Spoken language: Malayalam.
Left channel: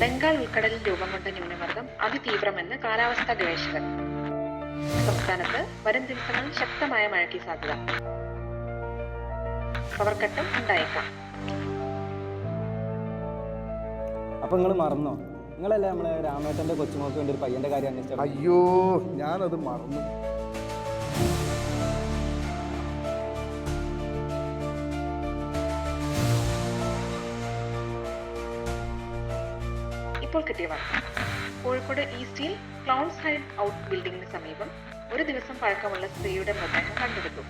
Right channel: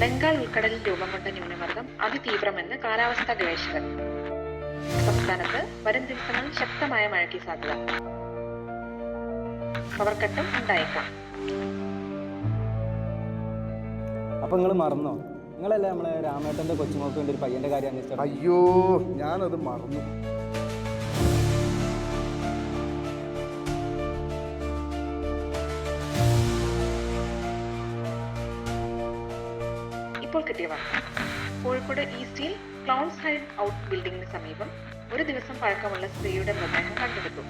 ബംഗാൾ ഉൾക്കടലിൽ രൂപം കൊണ്ട ന്യൂനമർദ്ദം അതിതീവ്രമെന്ന് കാലാവസ്ഥാ ഗവേഷകർ. സംസ്ഥാനത്ത് വരും ദിവസങ്ങളിൽ ശക്തമായ മഴയ്ക്ക് സാധ്യത. പവർ കട്ടും ഉണ്ടായേക്കാം. അപ്പൊ നിങ്ങൾ മറന്നോ? നിങ്ങളല്ലേ നമ്മളെ രാമേട്ടന്റെ കൊച്ചുമോക്ക് വേണ്ടി ഒരു പയ്യന്റെ കാര്യം അന്വേഷിച്ചത്? അയ്യോ, ഞാനത് മറന്നു. ഇപ്പോൾ കിട്ടിയ വാർത്ത. കോഴിക്കോട് ഈസ്റ്റിൽ ക്ലൗൺസ് ഹൈഡ് ഔട്ട് ബിൽഡിംഗിന് സമീപം ഒരു ദിവസം പഴക്കമുള്ള സ്ത്രീയുടെ മൃതദേഹം കണ്ടെടുത്തു.